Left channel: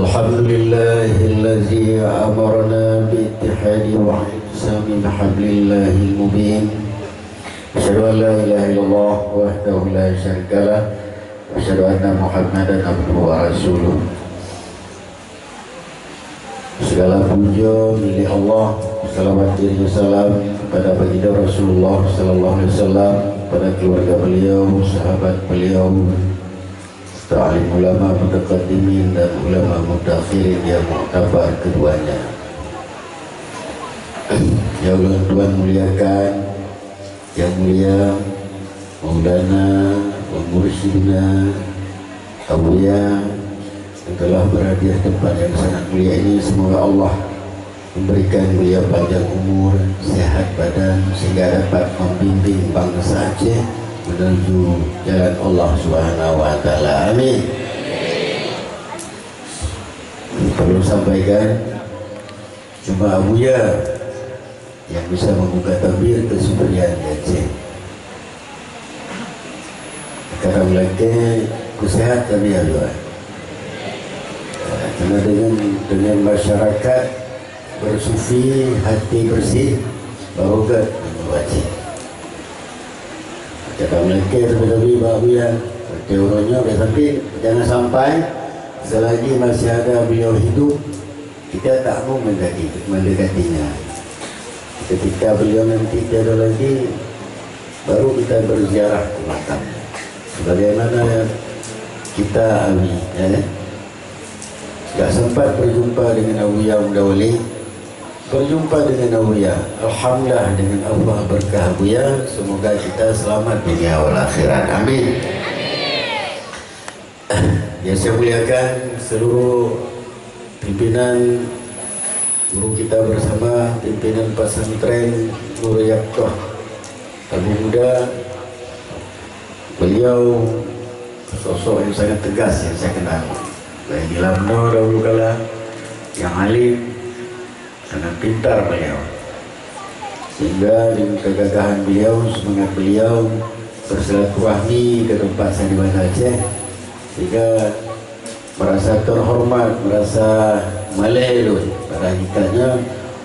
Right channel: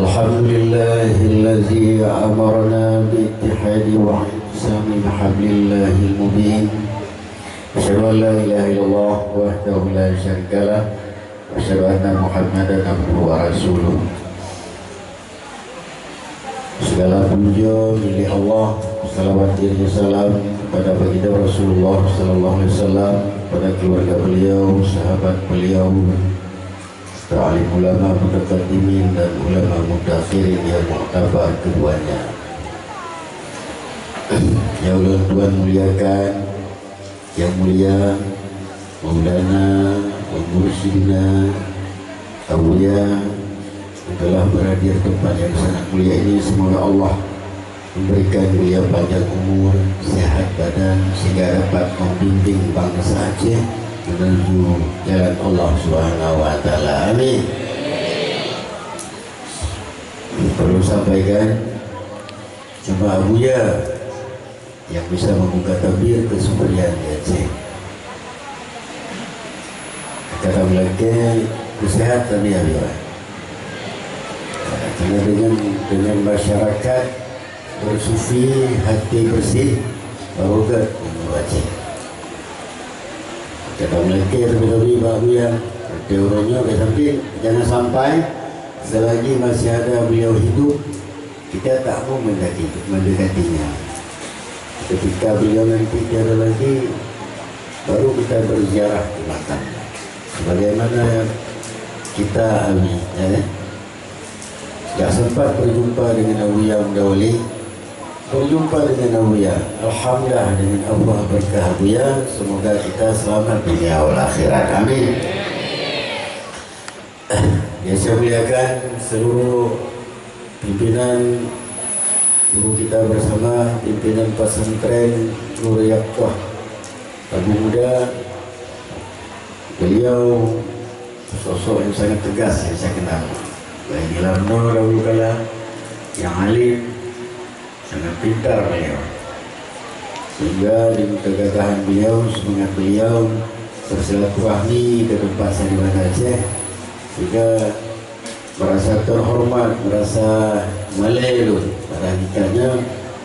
Alhamdulillahilladzi amarna biittihadi wa ihtisami bihablillahil mubin. Asyhadu an la ilaha illallah wahdahu la syarika lah wa asyhadu anna Muhammadan abduhu wa rasuluh. Segala puja milik Allah, salawat dan salam kepada baginda Rasulullah sallallahu alaihi wasallam, pada keluarga beliau, sahabat beliau, alim ulama mutaqaddimin dan ulama mutakhirin yang mu'tabar keduanya. Ya Allah Tuhan muliakan, yang mulia Maulana wa Mursyidina Awliya yang telah berada di tempat yang sangat mulia ini. Semoga Allah memberikan beliau panjang umur, sehat badan, sehingga dapat membimbing bangsa Aceh menuju jalan Allah Subhanahu wa taala. Amin. Perlu sampaikan, cuma Buya yang bisa membuka tabir kesumberjaya di Aceh. Kata mereka kesehatan ya Buya. Karena dengan masyarakat bersufi, hati bersih, barokat di Aceh. Kata mereka lebih-lebih bahagia teorinya sampai jangan sampai selagi masih ada beliau hidup kita tak mau mendekatinya. Ketika beliau nanti tiada lagi, baru kita berziarah ke makamnya. Sebagaimana kita alami, ya. Tak sempat berjumpa dengan Awliya Mudawali, berjumpa dengan Awliya. Alhamdulillah dengan Allah berkah Awliya, semoga kita selamat dunia wal akhirat. Amin. Ya, saya muliakan seluruh pimpinan guru kita bersama, pimpinan pesantren Nurul Yaqah Abu Muda. Beliau sosok yang sangat tegas yang saya kenal. Baik di Lamno dahulu kala, yang alim, sangat pintar beliau. Sehingga dengan kegagahan beliau, semangat beliau bersilaturahmi ke tempat saya di Banda Aceh, sehingga merasa terhormat, merasa malelun pada hakikatnya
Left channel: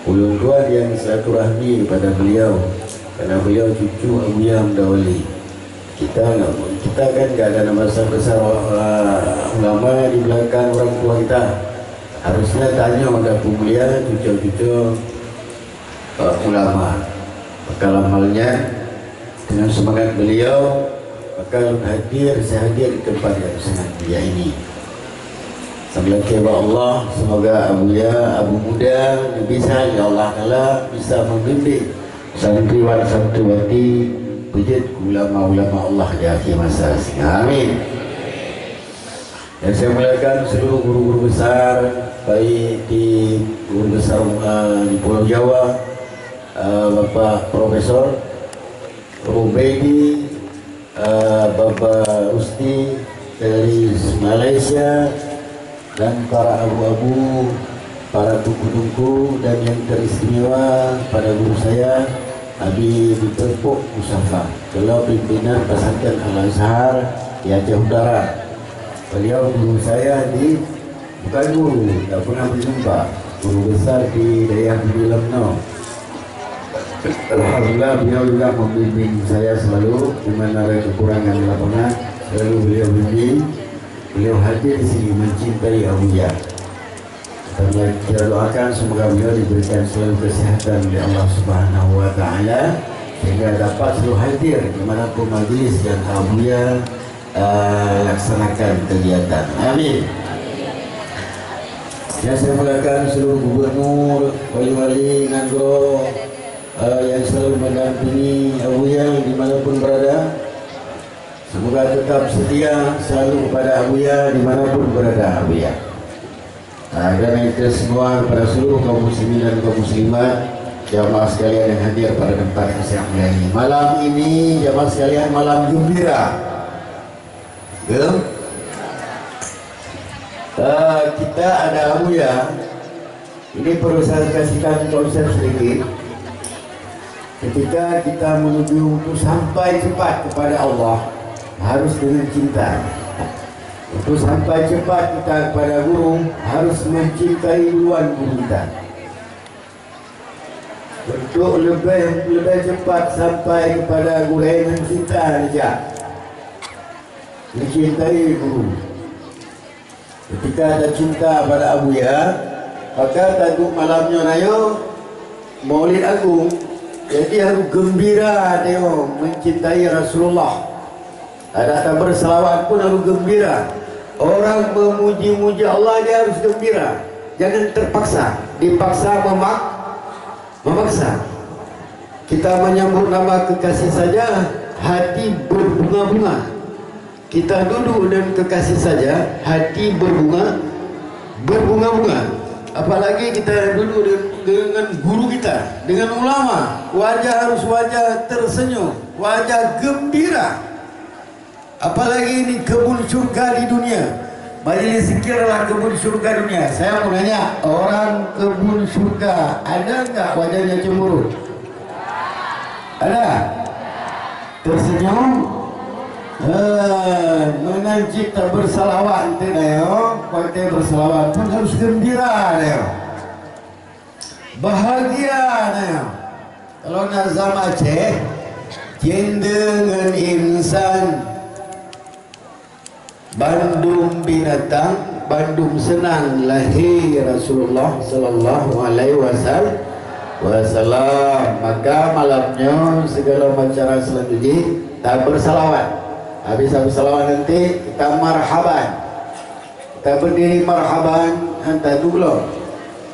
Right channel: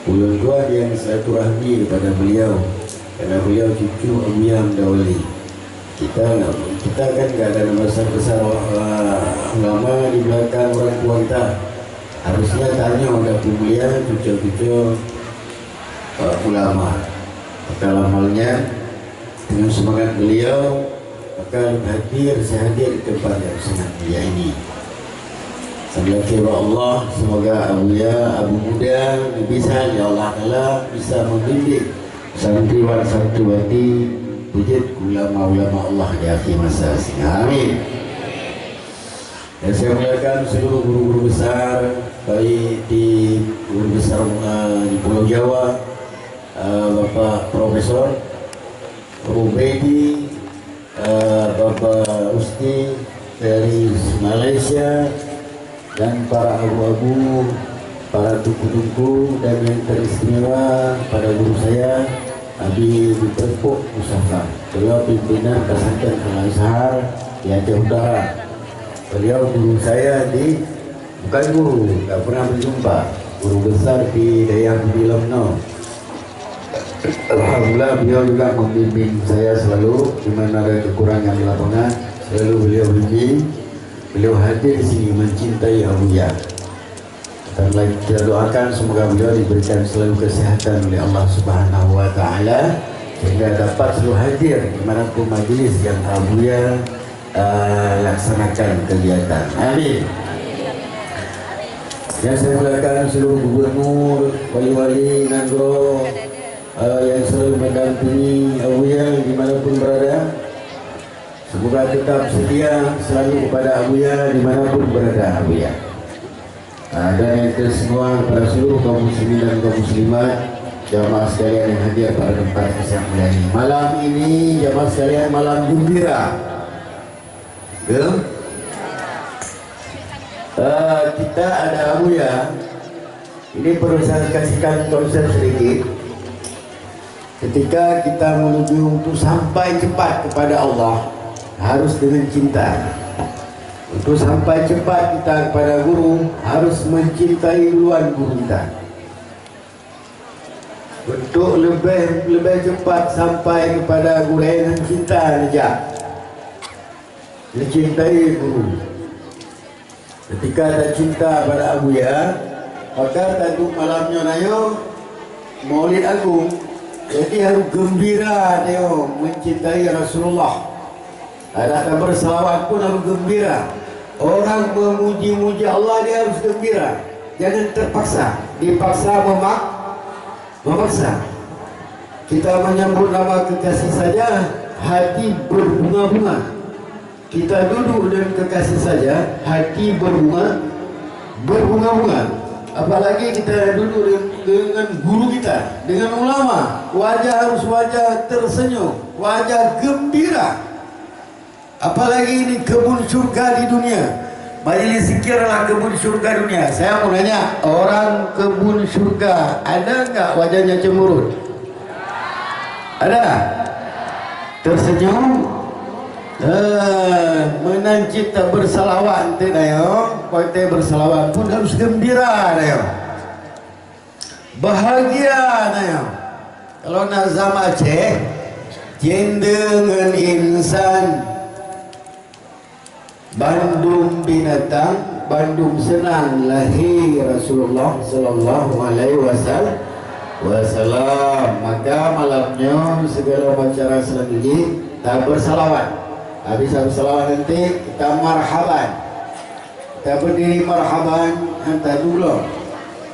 ulun tuan yang silaturahmi kepada beliau, karena beliau cucu Awliya Mudawali. Kita kan gak ada nama besar ulama di belakang orang tua kita. Harusnya tanya ada pemulia cucu-cucu ulama. Maka halnya dengan semangat beliau, maka saya hadir di tempat yang sangat mulia ini. Sambil kira Allah, semoga Abu Muda bisa, ya Allah Ta'ala bisa membimbing santriwan santriwati wujud ulama-ulama Allah di akhir masa. Amin. Dan saya muliakan seluruh guru-guru besar, baik di guru besar di Pulau Jawa, Bapak Profesor Rubaidi, Bapak Usti dari Malaysia, dan para abu-abu, para tuku-tuku, dan yang teristimewa pada guru saya Habib Tepuk Mustafa, beliau pimpinan pesantren Al-Azhar di Aceh Utara. Beliau guru saya bukan guru, tak pernah berjumpa, guru besar di daerah di Lamno. Alhamdulillah beliau juga membimbing saya selalu, di mana ada kekurangan di lapangan, selalu beliau bimbing. Beliau hadir di sini mencintai Awliya. Dan kita doakan semoga beliau diberikan selalu kesehatan oleh Allah Subhanahu wa taala, sehingga dapat selalu hadir dimanapun majlis yang Awliya laksanakan kegiatan. Amin. Yang saya muliakan seluruh gubernur, wali-wali Nangro yang selalu mendampingi Awliya dimanapun berada. Semoga tetap setia selalu kepada Awliya dimanapun berada Awliya. Dan itu semua kepada seluruh kaum muslimin dan kaum muslimat, jamaah sekalian yang hadir pada tempat yang mulia ini. Malam ini jamaah sekalian malam gembira. Kita ada Awliya. Ini perlu saya kasihkan konsep sedikit. Ketika kita menuju untuk sampai cepat kepada Allah, harus dengan cinta. Untuk sampai cepat kita kepada guru, harus mencintai duluan guru kita. Untuk lebih cepat sampai kepada guru dengan cinta saja, mencintai guru. Ketika ada cinta pada Abu Ya, maka taduk malamnya nayo Maulid Agung, jadi harus gembira nayo mencintai Rasulullah. Ada berselawat pun harus gembira. Orang memuji-muji Allah dia harus gembira. Jangan terpaksa, dipaksa memaksa. Kita menyambut nama kekasih saja hati berbunga-bunga. Kita duduk dan kekasih saja hati berbunga-bunga. Apalagi kita duduk dengan guru kita, dengan ulama, wajah harus wajah tersenyum, wajah gembira. Apalagi ini kebun surga di dunia. Majelis zikir adalah kebun surga dunia. Saya mau nanya, orang kebun surga ada enggak wajahnya cemberut? Ada? Tersenyum? Menanci tak bersalawat nanti dayo. Kalau bersalawat pun harus gembira dayo. Bahagia dayo. Kalau Nazam Aceh, jendengan insan, Bandung binatang, Bandung senang, lahir Rasulullah sallallahu alaihi wasallam. Maka malamnya segala macam selanjutnya kita bersalawat. Habis bersalawat nanti kita marhaban. Kita berdiri marhaban hantar dulu.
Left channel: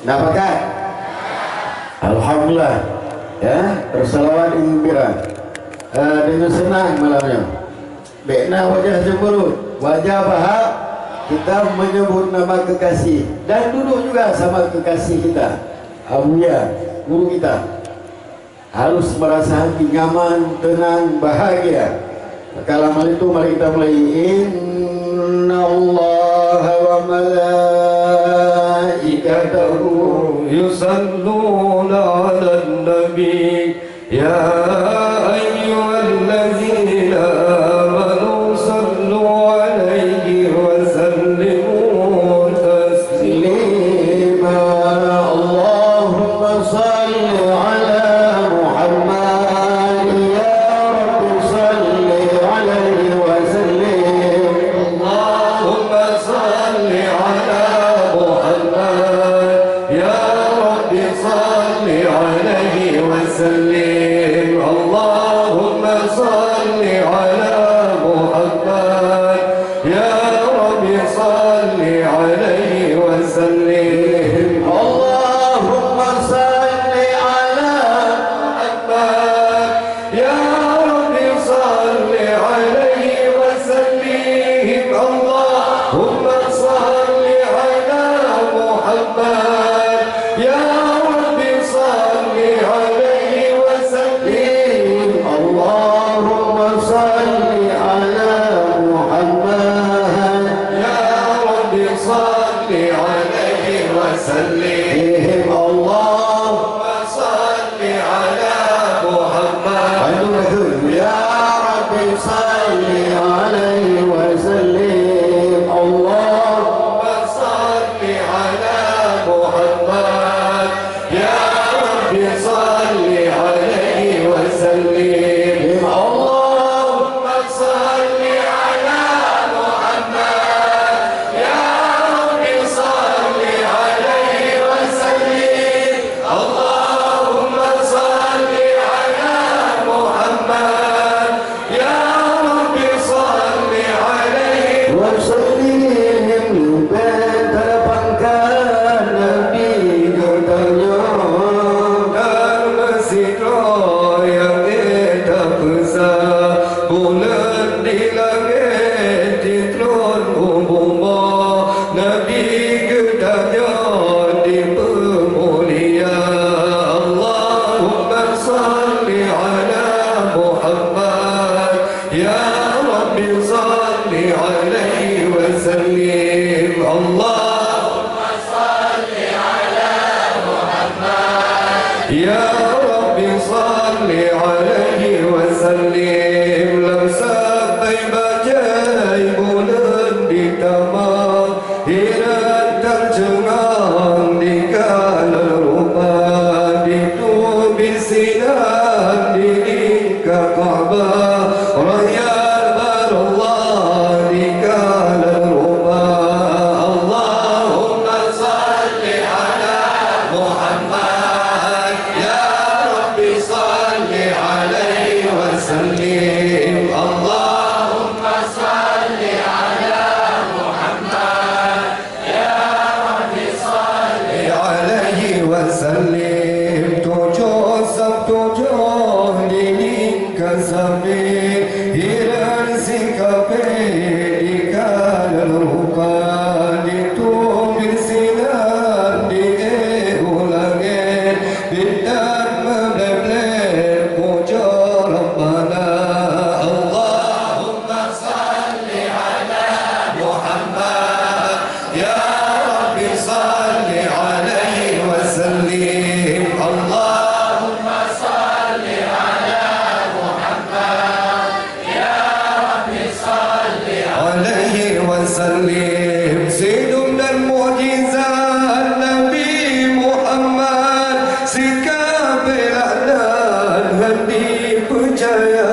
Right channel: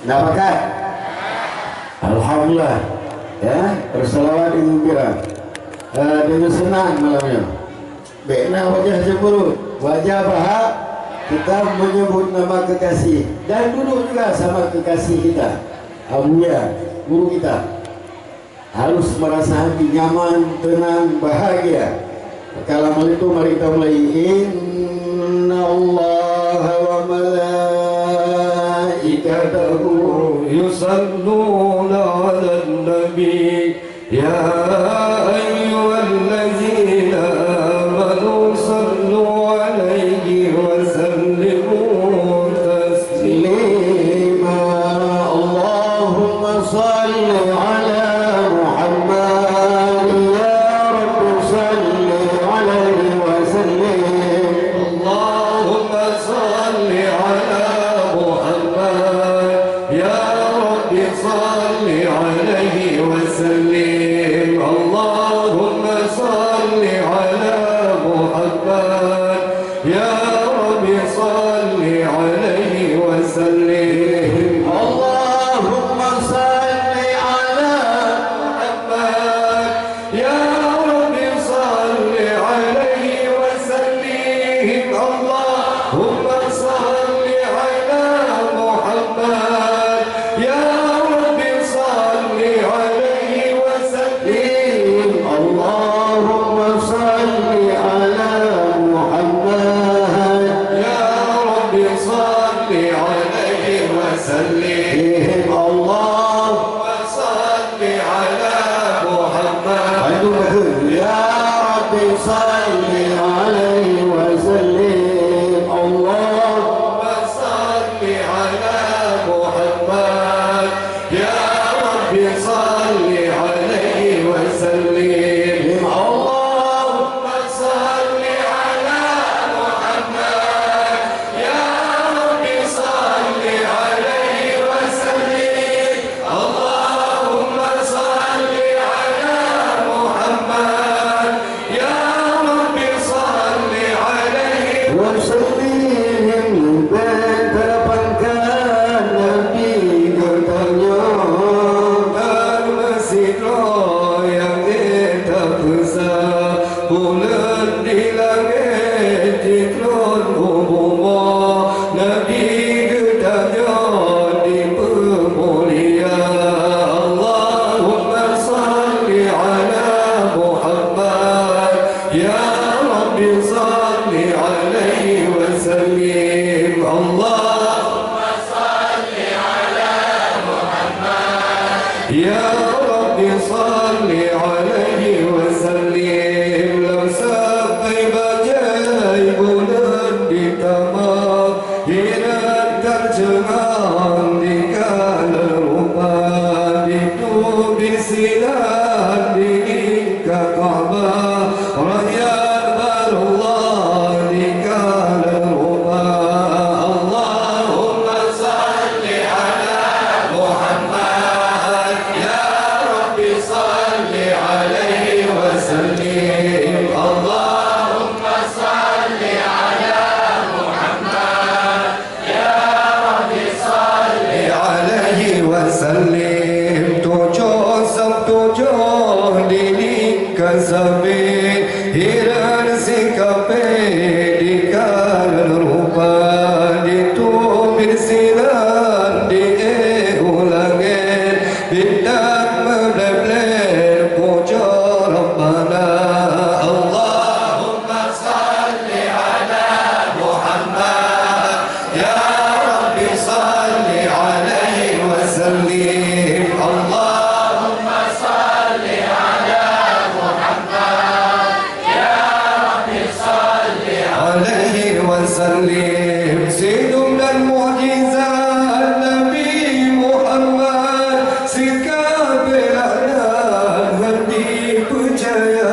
Dapatkah? Alhamdulillah. Ya, bersalawat gembira. Dengan senang malamnya. Baiklah wajah cemberut, wajah bahagia, kita menyebut nama kekasih dan duduk juga sama kekasih kita, Abu Ya, guru kita. Harus merasa hati nyaman, tenang, bahagia. Maka lama itu mari kita mulai. Inna Allah wa malaikatahu yusalluna ala nabi ya ayyuhallazina صل عليه وسلم. الله rupa ditumir sinar diulangin bintang membler puja Rabbana Allahumma salli ala Muhammad ya Rabbi salli alaihi wa sallim Allahumma salli ala Muhammad ya Rabbi salli alaihi wa sallim sidum dan mukjizat Nabi Muhammad sikap dan hati percaya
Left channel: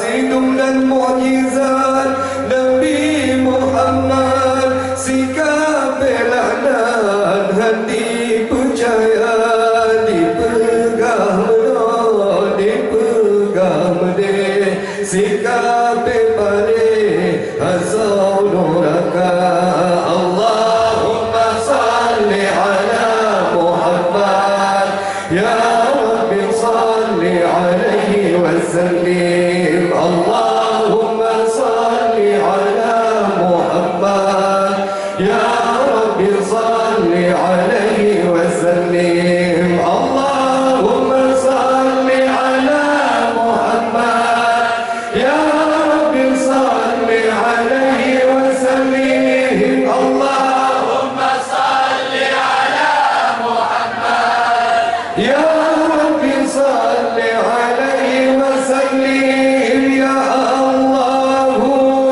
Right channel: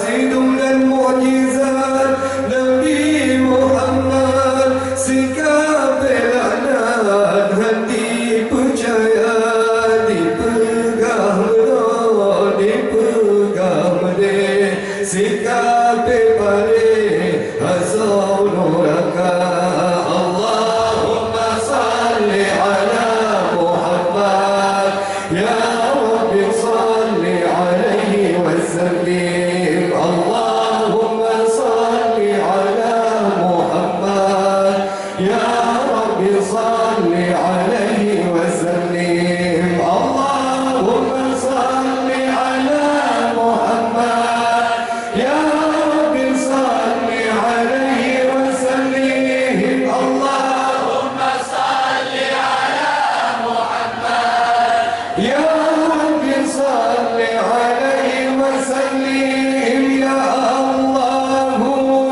sidum dan mukjizat Nabi Muhammad sikap dan hati percaya dipegang sikap pare azau nuraka Allahumma salli ala Muhammad ya Rabbi salli alaihi wa sallim Allahumma salli ala Muhammad ya Rabbi salli alaihi wa sallim Allahumma salli ala Muhammad ya Rabbi salli alaihi wa sallim Allahumma salli ala Muhammad ya Rabbi salli alaihi wa sallim ya Allah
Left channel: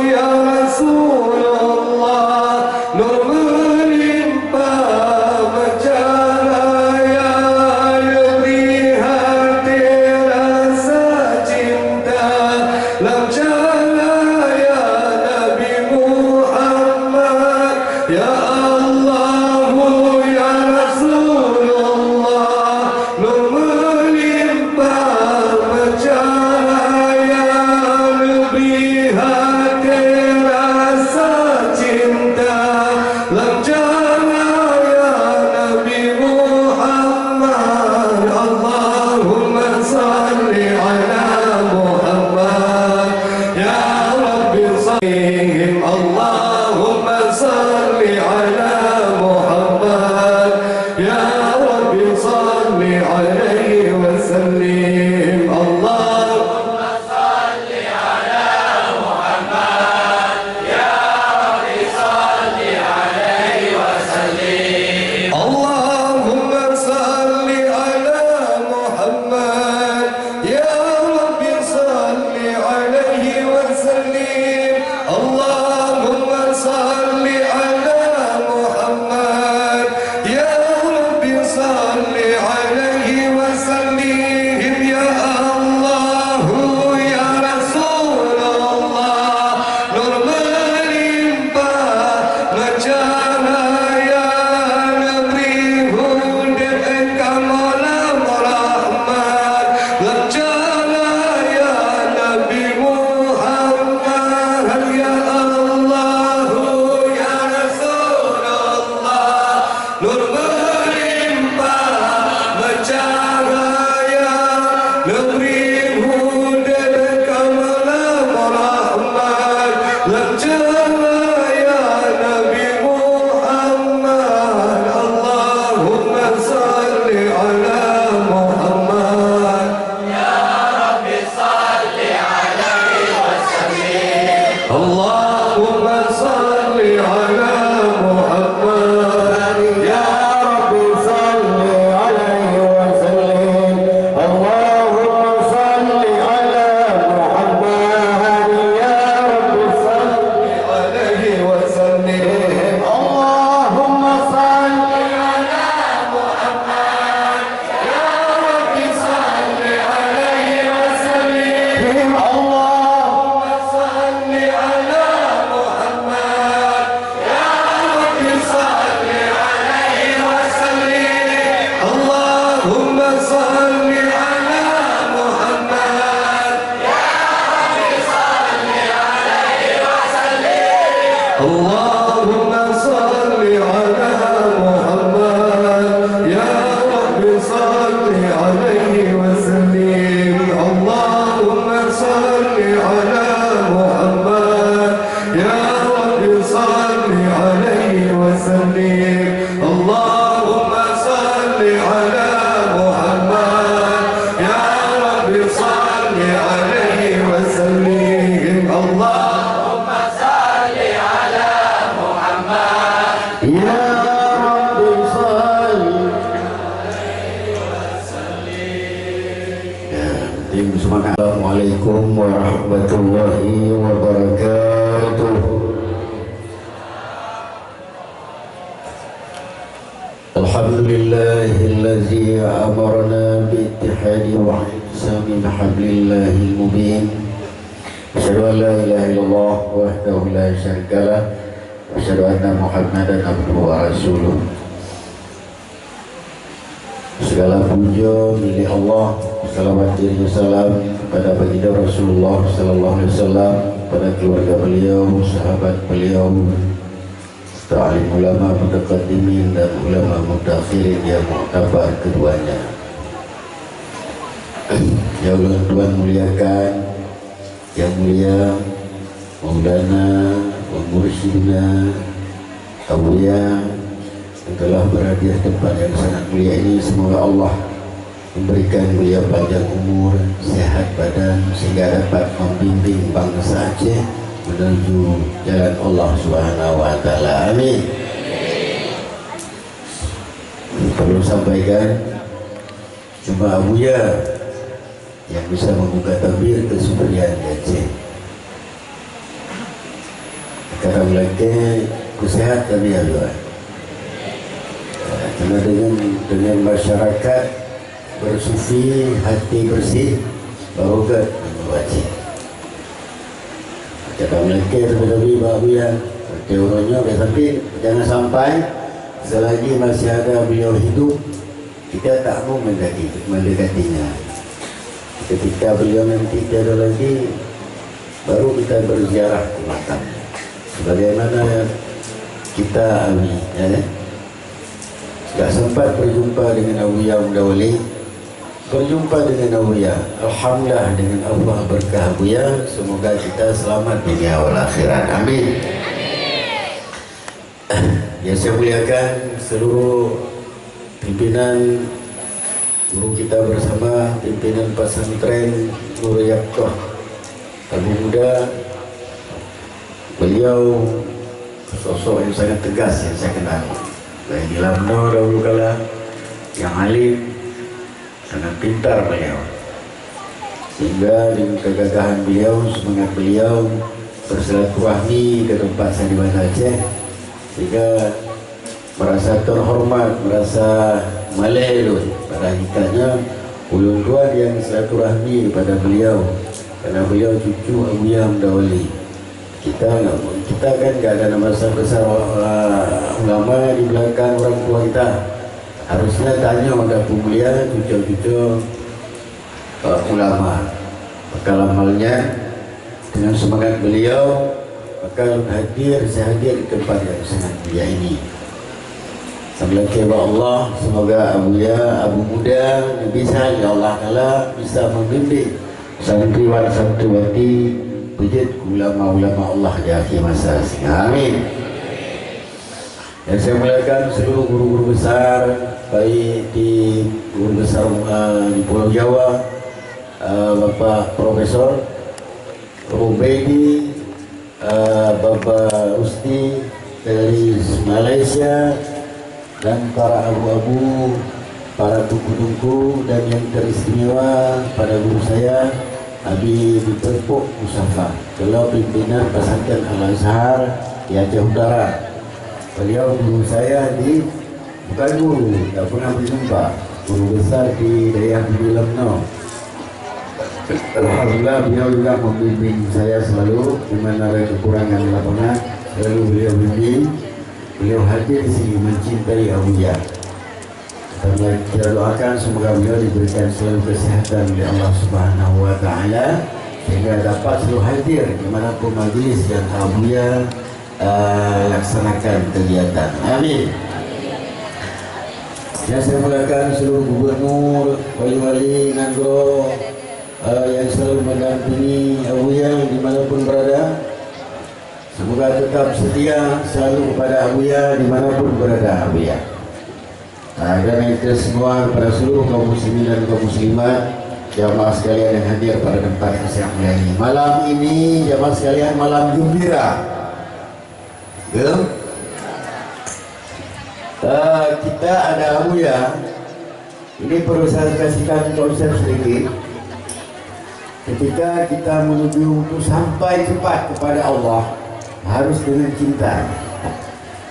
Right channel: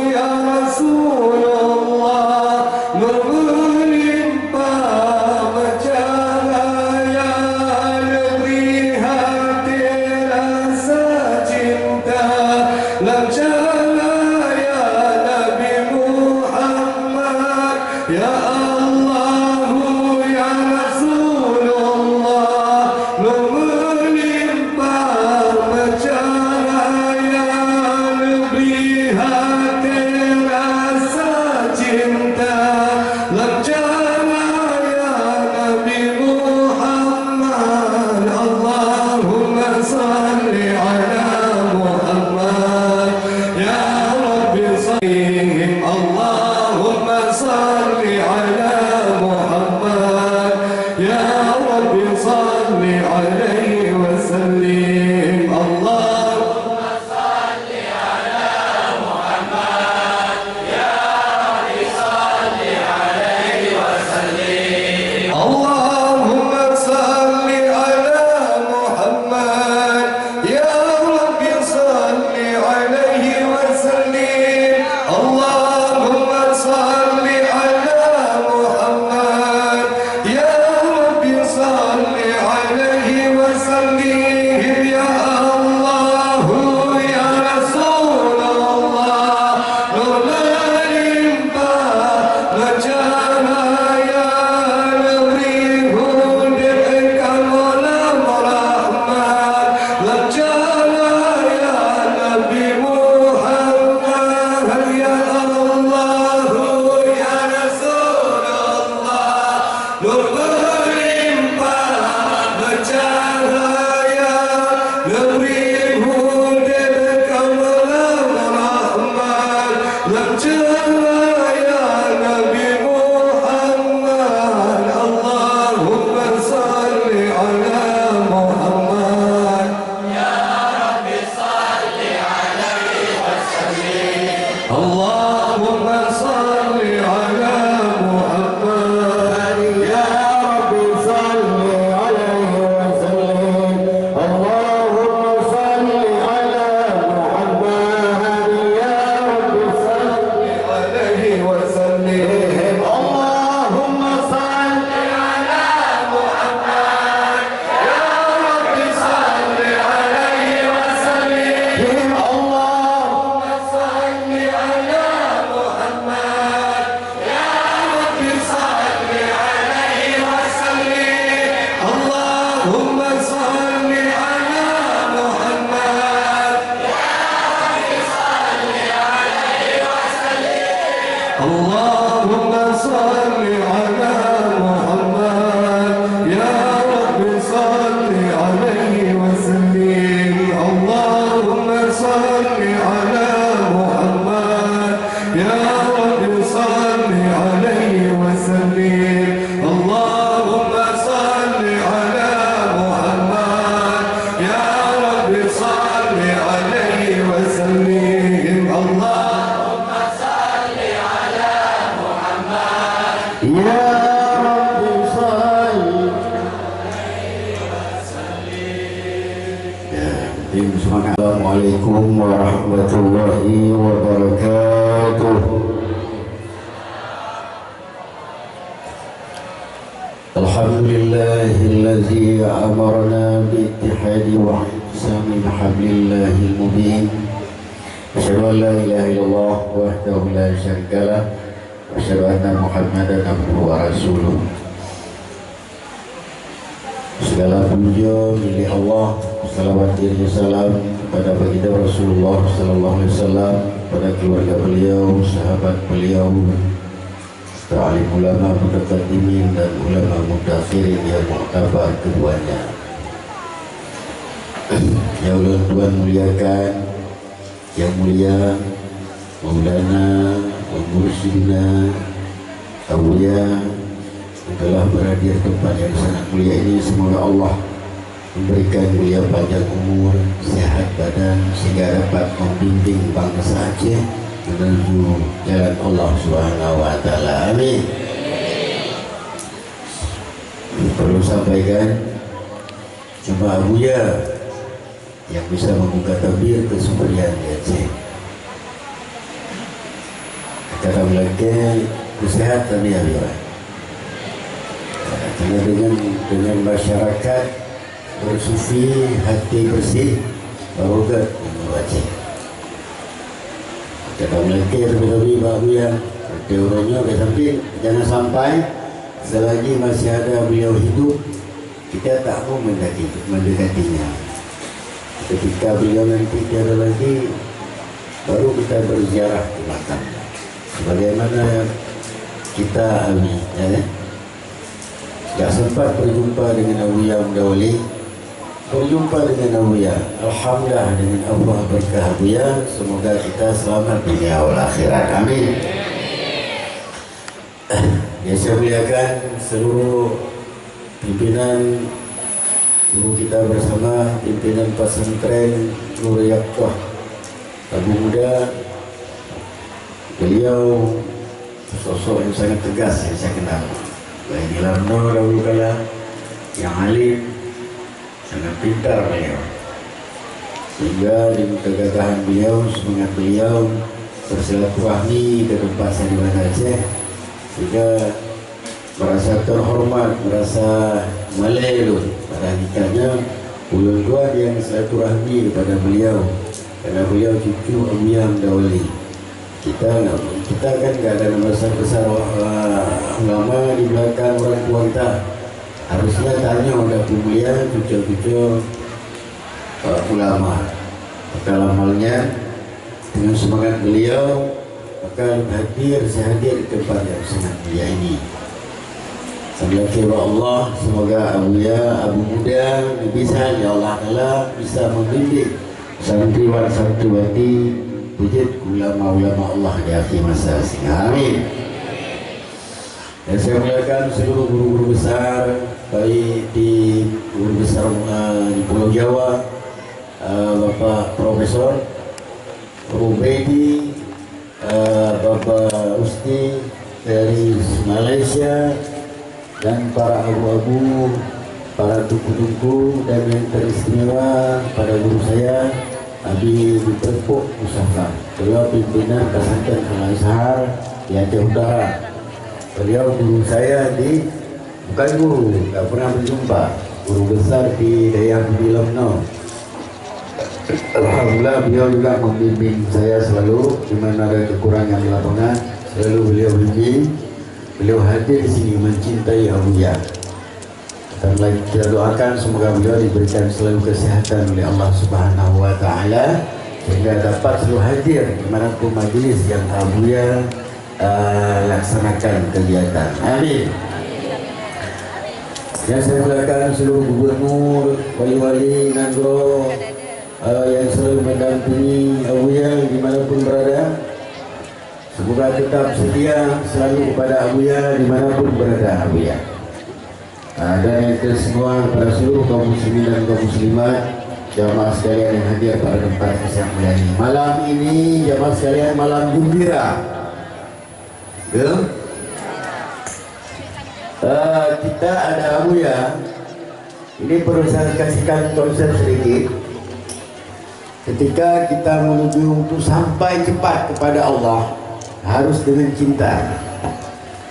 ya Rasulullah nur melimpah bercahaya lebih hati rasa cinta lam cahaya Nabi Muhammad ya Allah ya Rasulullah nur melimpah bercahaya lebih hati rasa cinta lam cahaya Nabi Muhammad Allahumma salli ala Muhammad ya Rabbi sallim Allahumma salli ala Muhammad ya Rabbi salli alaihi wa sallim Allahumma salli ala Muhammad ya Rabbi salli alaihi wa sallim Allahumma salli ala Muhammad ya Rabbi salli alaihi wa sallim Allahumma salli ala Muhammad ya Rabbi salli alaihi wa sallim ya Allah ya Rasulullah nur melimpah bercahaya negeri Hud kamalam rahmat lam cahaya Nabi Muhammad ya Allah ya Rasulullah nur melimpah bercahaya negeri Hud kamalam rahmat lam cahaya Nabi Muhammad Allahumma salli ala Muhammad ya Rabbi salli alaihi wa sallim Allahumma salli ala Muhammad ya Rabbi salli alaihi wa sallim Allahumma salli ala Muhammad ya Rabbi salli alaihi wa sallim Allahumma salli ala Muhammad ya Rabbi salli alaihi wa sallim Allahumma salli ala Muhammad ya Rabbi salli alaihi wa sallim Allahumma salli ala Muhammad ya Rabbi salli alaihi wa sallim Allahumma salli ala Muhammad ya Rabbi salli alaihi wa sallim Allahumma salli ala Muhammad ya Rabbi salli Assalamualaikum warahmatullahi wabarakatuh. Alhamdulillahillazi amarna biittihadi wa ihtisami bihablillahil mubin. Asyhadu an la ilaha illallah wahdahu la syarika lah wa asyhadu anna Muhammadan abduhu wa rasuluh. Segala puja milik Allah, salawat dan salam kepada baginda Rasulullah sallallahu alaihi wasallam, kepada keluarga beliau, sahabat beliau, alim ulama mutaqaddimin dan ulama mutakhirin yang muktabar keduanya. Ya Allah Tuhan muliakan, yang mulia Maulana wa Mursyidina Awliya yang telah berada di tempat yang sangat mulia ini. Semoga Allah memberikan beliau panjang umur, sehat badan, sehingga dapat membimbing bangsa Aceh menuju jalan Allah Subhanahu wa taala. Amin. Perlu sampaikan, cuma Abuya yang bisa membuka tabir kesuburan di Aceh. Karena mereka kesehatan ya Allah. Karena dengan masyarakat bersufi, hati bersih, barogat membaca. Kata mereka lebih-lebih Abuya teorinya, tapi jangan sampai selagi masih ada beliau hidup kita tak mau mendekatinya. Ketika beliau nanti tiada lagi, baru kita berziarah ke makamnya. Sebagaimana kita alami, ya. Tak sempat berjumpa dengan Abuya Mudawali, berjumpa dengan Abuya. Alhamdulillah dengan Allah berkah Abuya. Semoga kita selamat dunia wal akhirat. Amin. Yang saya muliakan seluruh pimpinan guru kita bersama, pimpinan pesantren Nurul Yaqah Abu Muda. Beliau sosok yang sangat tegas yang saya kenal. Baik di Lamno dahulu kala, yang alim, sangat pintar beliau. Sehingga dengan kegagahan beliau, semangat beliau bersilaturahmi ke tempat saya di Banda Aceh, sehingga merasa terhormat, merasa malelun. Pada hakikatnya ulun tuan yang silaturahmi kepada beliau, karena beliau cucu Abuya Mudawali. Kita kan gak ada nama besar ulama di belakang orang tua kita. Harusnya tanya pada pemulia cucu-cucu ulama. Maka amalnya dengan semangat beliau, maka saya hadir di tempat yang sangat mulia ini. Sambil kepada Allah, semoga Abuya Abu Muda bisa, ya Allah Ta'ala, bisa membimbing santriwan santriwati wujud ulama-ulama Allah di akhir masa. Amin. Dan saya muliakan seluruh guru-guru besar, baik di guru besar di Pulau Jawa, Bapak Profesor Rubaidi, Bapak Usti dari Malaysia, dan para abu-abu, para tuku-tuku, dan yang teristimewa pada guru saya Abi Tepuk Musafa, beliau pimpinan pesantren Al-Azhar di Aceh Utara. Beliau guru saya di, bukan guru, tak pernah berjumpa, guru besar di daerah di Lamno. Alhamdulillah beliau juga membimbing saya selalu, di mana ada kekurangan di lapangan, selalu beliau bimbing. Beliau hadir di sini mencintai Abuya. Dan kita doakan semoga beliau diberikan selalu kesehatan oleh Allah Subhanahu wa taala, sehingga dapat selalu hadir dimanapun majlis yang Abuya laksanakan kegiatan. Amin. Yang saya muliakan seluruh gubernur, wali-wali Nagro yang selalu mendampingi Abuya dimanapun berada. Semoga tetap setia selalu kepada Abuya dimanapun berada Abuya. Dan itu semua kepada seluruh kaum muslimin dan kaum muslimat, jamaah sekalian yang hadir pada tempat yang mulia ini. Malam ini jamaah sekalian malam gembira. Kita ada Abuya. Ini perlu saya kasihkan konsep sedikit. Ketika kita menuju untuk sampai cepat kepada Allah, harus dengan cinta.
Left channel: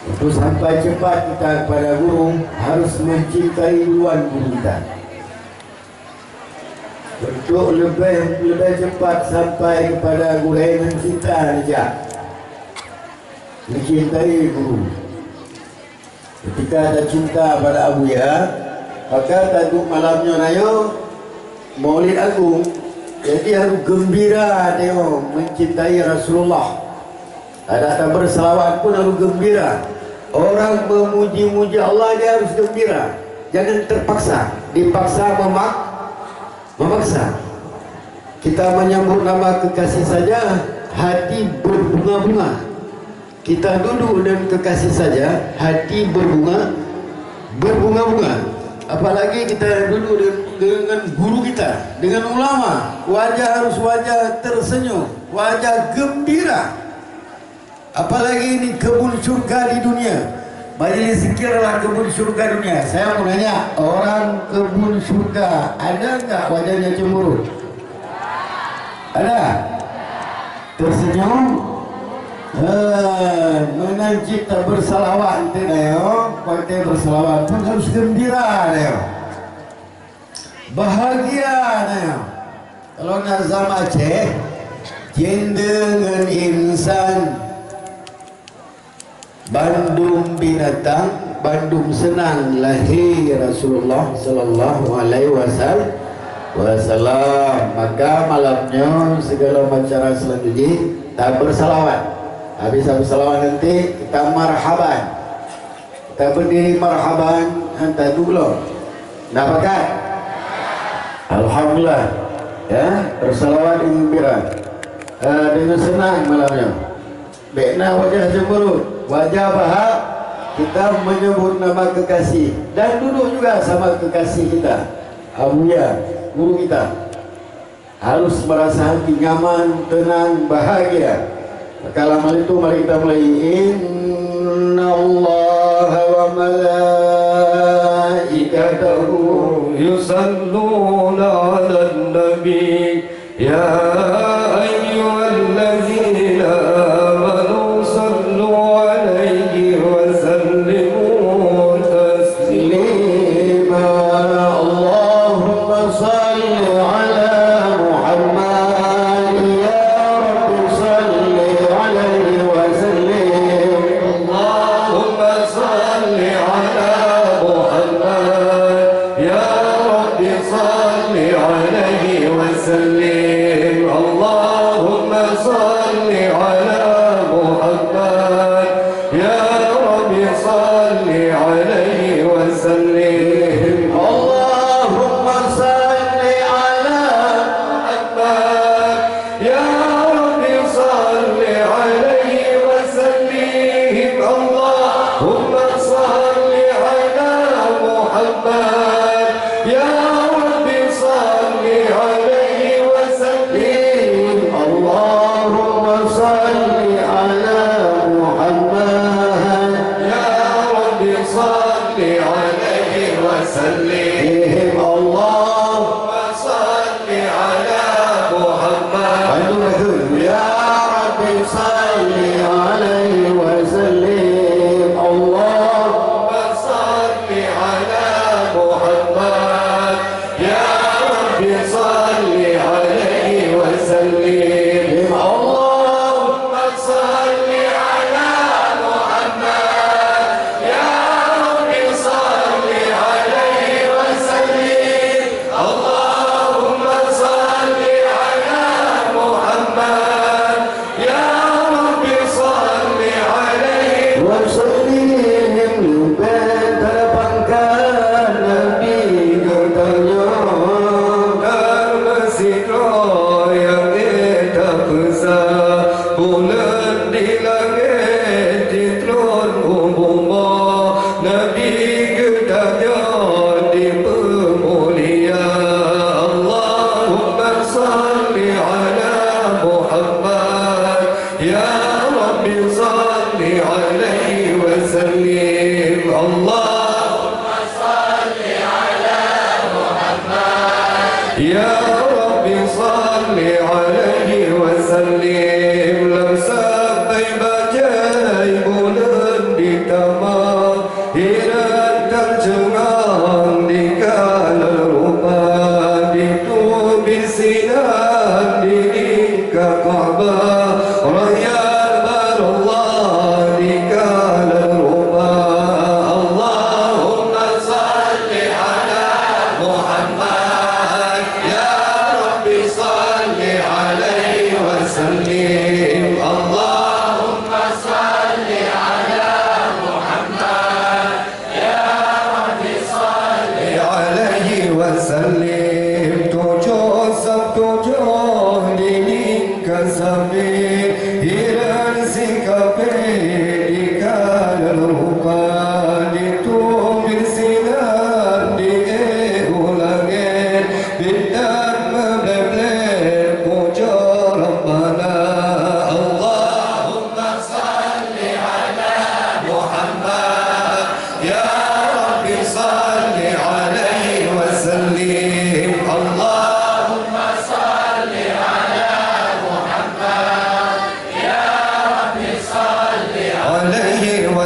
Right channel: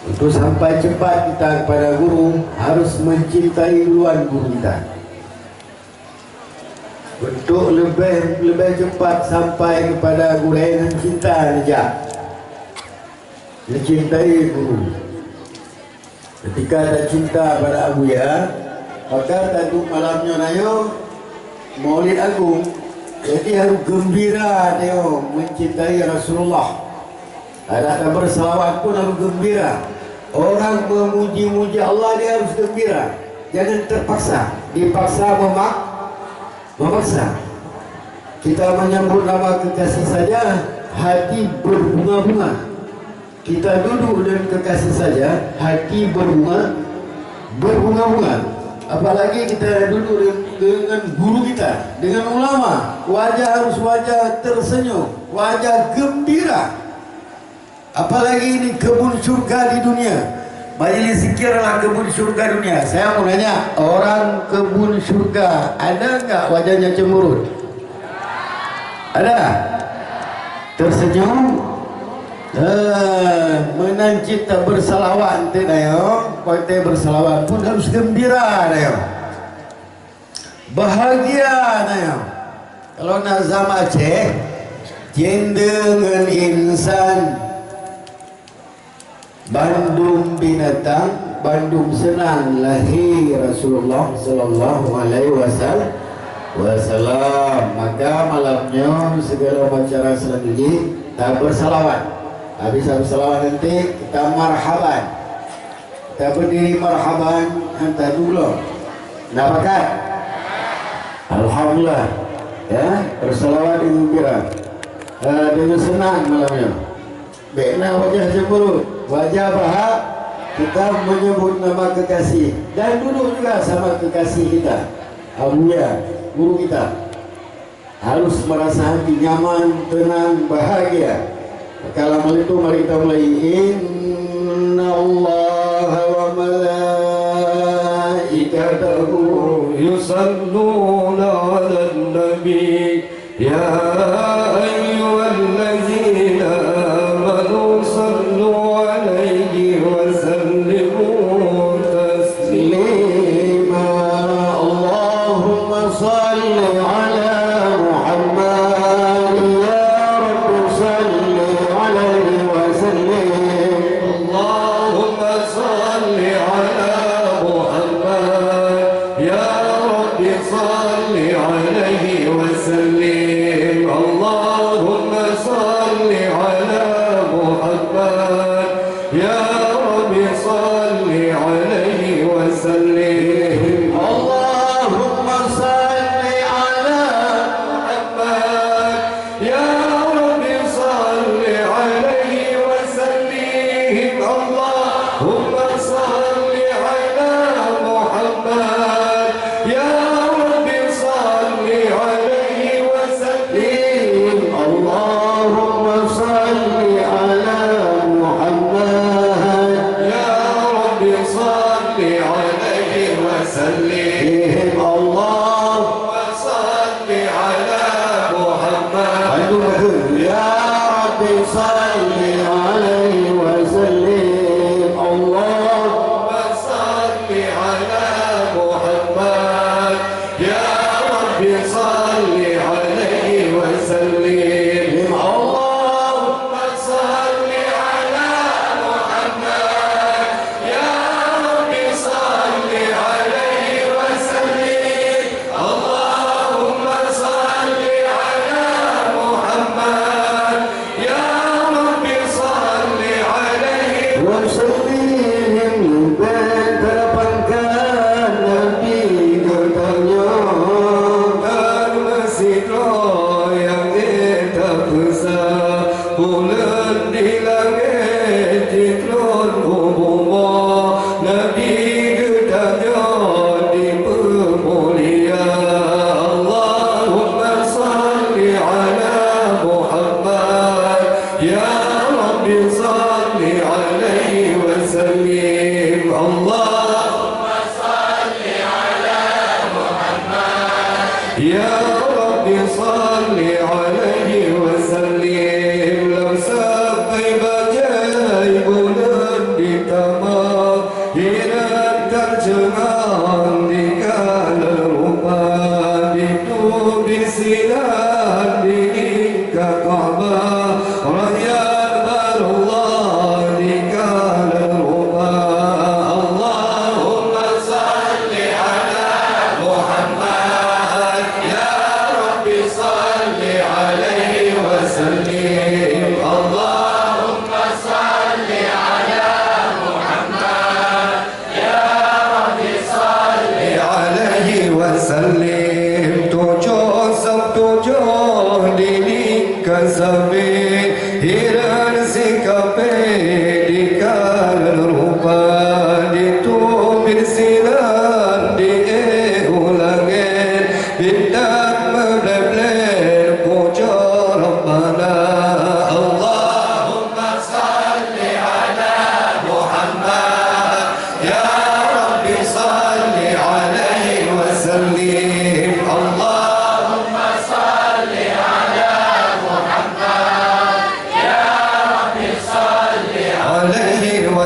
Untuk sampai cepat kita kepada guru, harus mencintai duluan guru kita. Untuk lebih cepat sampai kepada guru dengan cinta saja, mencintai guru. Ketika ada cinta pada Abu Ya, maka tadu malamnya nayo Maulid Agung. Jadi harus gembira tengok mencintai Rasulullah. Ada bersalawat pun harus gembira. Orang memuji-muji Allah dia harus gembira. Jangan terpaksa, dipaksa memaksa. Kita menyambut nama kekasih saja hati berbunga-bunga. Kita duduk dan kekasih saja hati berbunga-bunga. Apalagi kita duduk dengan guru kita, dengan ulama, wajah harus wajah tersenyum, wajah gembira. Apalagi ini kebun surga di dunia. Majelis zikir adalah kebun surga dunia. Saya mau nanya, orang kebun surga ada enggak wajahnya cemberut? Ada? Tersenyum? Menanci tak bersalawat nayo, partai bersalawat pun harus gembira nayo, bahagia nayo. Kalau Nazam Aceh, jendengan insan, Bandung binatang, Bandung senang, lahir Rasulullah Sallallahu Alaihi Wasallam. Maka malamnya segala acara selanjutnya tak bersalawat. Habis salawat nanti kita marhaban. Kita berdiri marhaban hantar dulu. Dapatkan? Alhamdulillah. Ya, bersalawat dengan gembira. Dengan senang malamnya. Bena wajah cemberut, wajah bahagia. Kita menyebut nama kekasih dan duduk juga sama kekasih kita. Abuya, guru kita. Harus merasa hati nyaman, tenang, bahagia. Kalau malam itu mari kita mulai. Inna Allah wa malaikatahu yusalluna 'alan nabi ya ayyuhallazina amanu sallu 'alaihi wa sallimu taslima. Allahumma salli 'ala Muhammad ya Rabbi salli 'alaihi wa sallim. Allahumma salli 'ala Muhammad ya Rabbi salli 'alaihi wa sallim. Allahumma salli 'ala Muhammad ya Rabbi salli 'alaihi wa sallim. Allahumma salli 'ala Muhammad ya Rabbi salli 'alaihi wa sallim. Allahumma salli 'ala Muhammad ya Rabbi salli 'alaihi wa sallim. Allahumma salli 'ala Muhammad ya Rabbi salli 'alaihi wa sallim. Allahumma salli 'ala Muhammad ya Rabbi salli 'alaihi wa sallim. Allahumma salli 'ala Muhammad ya Rabbi salli 'alaihi wa sallim. Allahumma salli 'ala Muhammad ya Rabbi salli 'alaihi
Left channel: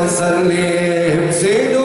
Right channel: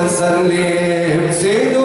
وسلم. زيد